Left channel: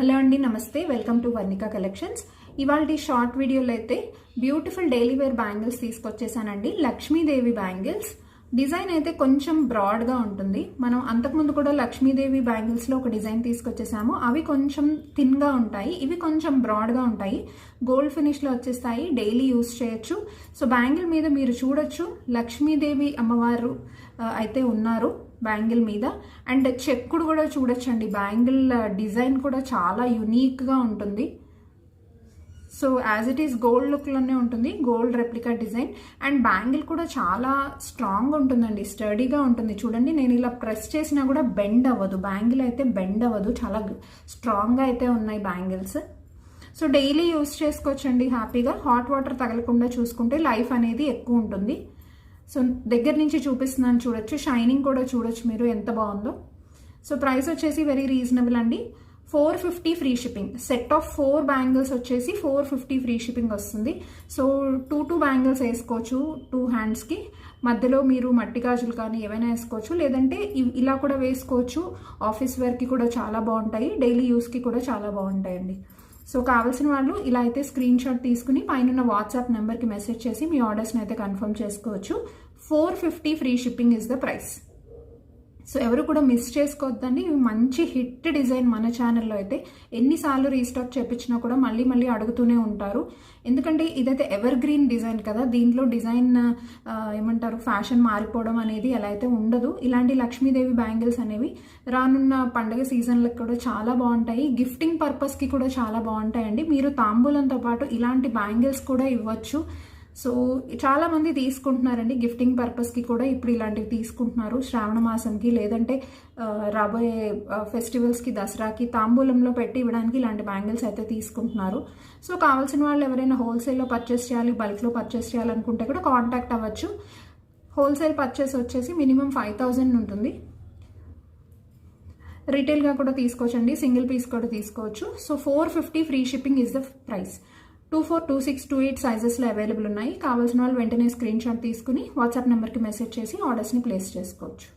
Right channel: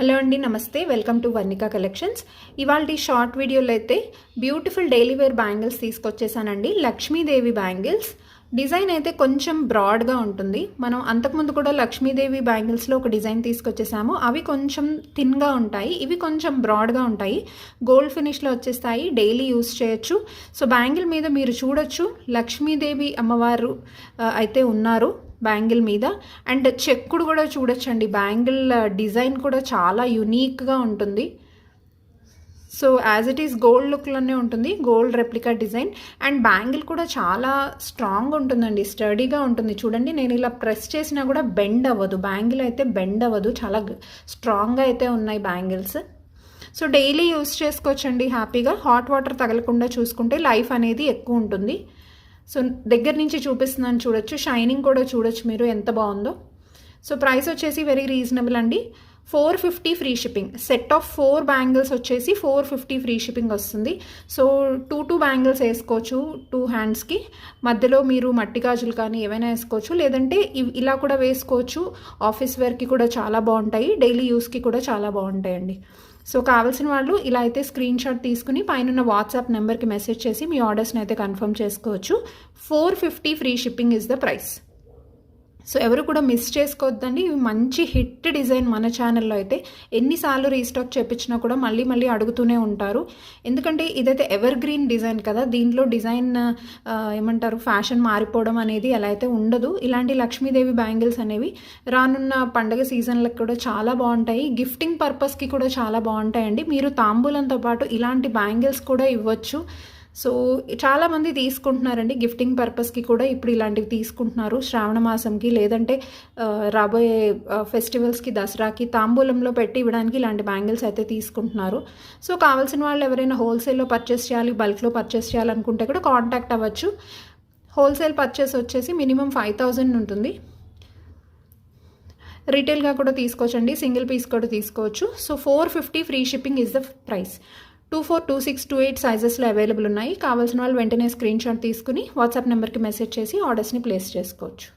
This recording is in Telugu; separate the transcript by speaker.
Speaker 1: హలో అండి నమస్తే. Welcome to Varnika collections. ఇవాళ షార్ట్ వీడియోలో అయితే బ్యూటిఫుల్ డైలీ వేర్ బ్యాంగిల్స్ తీసుకొచ్చేసానండి. లక్ష్మీదేవి బ్యాంగిల్స్. డిజైన్ అయితే కొంచెం బ్రాడ్గా ఉంటుంది. మనం అంతకుముందు కూడా లక్ష్మీదేవి బ్యాంగిల్స్లో ఒక డిజైన్ తీసుకొచ్చేసాము. అవి కొంచెం థిన్గా ఉంటాయి. ఇవి కొంచెం బ్రాడ్గా ఉంటాయి. గోల్డ్ ఫినిష్లో వచ్చేస్తాయి. డైలీ యూస్ చేయొచ్చు. సో బ్యాంగిల్ మీద మీరు చూడొచ్చు. లక్ష్మీదేవి అమ్మవారు అయితే ఉన్నారు. బ్యాంగిల్ మీద. అండ్ చెక్కుడు కూడా చూడొచ్చండి. బ్యాంగిల్ డిజైన్ కూడా చాలా యునీక్గా ఉంటుంది. So as it is gold లుక్లోనే ఉంటుంది. Gold replica design. And bangle కూడా చాలా స్ట్రాంగ్ ఉంటుందండి. స్టడీగా ఉంటుంది. చూడండి నేను ఇలా ప్రెస్ చేసినా కూడా బెండ్ అవ్వదు. బ్యాంగిల్ అయితే బెండ్ అవ్వదు. చాలా స్ట్రాంగ్గా అయితే ఉన్నాయి బ్యాంగిల్స్. సో డైలీ యూస్ చేసుకోవచ్చండి హ్యాపీగా. హాట్ వాటర్ తగలకుండా చూసుకుంటే లైఫ్ అనేది ఎక్కువ ఉంటుంది. సో దగ్గర నుంచి చూపిస్తున్నాను చూడొచ్చు. షైనింగ్ కూడా చూడొచ్చు మీరు ఎంత బాగుందో. సో ప్రైస్ వచ్చేసి వెరీ రీజనబుల్ అండి. Four fifty free shipping set of four bangles వచ్చేసి ఫోర్ ఫిఫ్టీ ఫ్రీ షిప్పింగ్ వస్తుంది. సో టూ టూ బ్యాంగిల్స్ వేసుకోవచ్చు టూ హ్యాండ్స్కి మధ్యలో మీరు మట్టి గాజులు కానీ ఏమైనా వేసుకోవచ్చు. లేదంటే ఇలా కూడా వేసుకోవచ్చు. ఆఫీస్ వేర్కి కూడా చాలా బాగుంటాయి. డైలీ యూస్కి కూడా చాలా బాగుంటాయండి. సో కావాల్సిన వాళ్ళు ఇలా అయితే స్క్రీన్ షాట్ తీసుకుని పైన వాట్సాప్ నెంబర్కి మెసేజ్ చేసి మీ ఆర్డర్స్ని అయితే కన్ఫర్మ్ చేసుకోవచ్చు. Four fifty free shipping is the price so ఎవరు కూడా మిస్ చేసుకోవద్దండి. ఇవి మంచి హిట్ డిజైన్ మన ఛానల్లో అయితే ఎన్నిసార్లు రీస్టాక్ చేపించినా కూడా మళ్ళీ మళ్ళీ అడుగుతూనే ఉంటారు. ఎందుకంటే ఇదైతే ఎవర్ గ్రీన్ డిజైన్ కదా దీంట్లో డిజైన్ ఏమంటారు ఫ్యాషన్ మారిపోవడం అనేది ఎలా అయితే ఉండదు. ఇలాంటి లక్ష్మీదేవి బ్యాంగిల్స్ అనేవి రానున్న పండగ సీజన్లకు కూడా చాలా బాగుంటాయి. గిఫ్టింగ్ పర్పస్కి కూడా చాలా బాగుంటాయండి. మీరు తాంబూలంతో పాటు ఇలాంటి బ్యాంగిల్స్ కూడా ఇవ్వచ్చు. సో చాలామంది తీసుకుంటున్నారండి. గిఫ్టింగ్ పర్పస్కి కూడా ఇప్పుడు ఇలాంటివి తీసుకుంటున్నారు. శ్రావణ మాసంకి లేదంటే రాబోయే ఫెస్టివల్స్కి దసరాకి తాంబూలంలో పెట్టి ఇవ్వడానికి ఇలాంటి బ్యాంగిల్స్ అయితే తీసుకుంటున్నారు. సో కావాల్సిన వాళ్ళు ఎవరైనా హోల్సేల్లో పర్చేస్ చేయాలి బల్క్లో పర్చేస్ చేయాలనుకుంటే కూడా కాంటాక్ట్ అవ్వచ్చు. హోల్సేల్ పర్చేస్ వచ్చేసి మినిమం ఫైవ్ థౌజండ్ ఉంటుంది. రీటైల్గా కూడా తీసుకోవచ్చండి. సింగిల్ పీస్ కూడా తీసుకోవచ్చు. So four fifty free shipping is the price. Two four two six two eight సైజెస్లో available ఉన్నాయి. కావాల్సిన వాళ్ళు వెంటనే స్క్రీన్ షాట్ తీసుకుని వాట్సాప్ నెంబర్కి మెసేజ్ చేసి ఆర్డర్స్ని ప్లేస్ చేసుకోవచ్చు.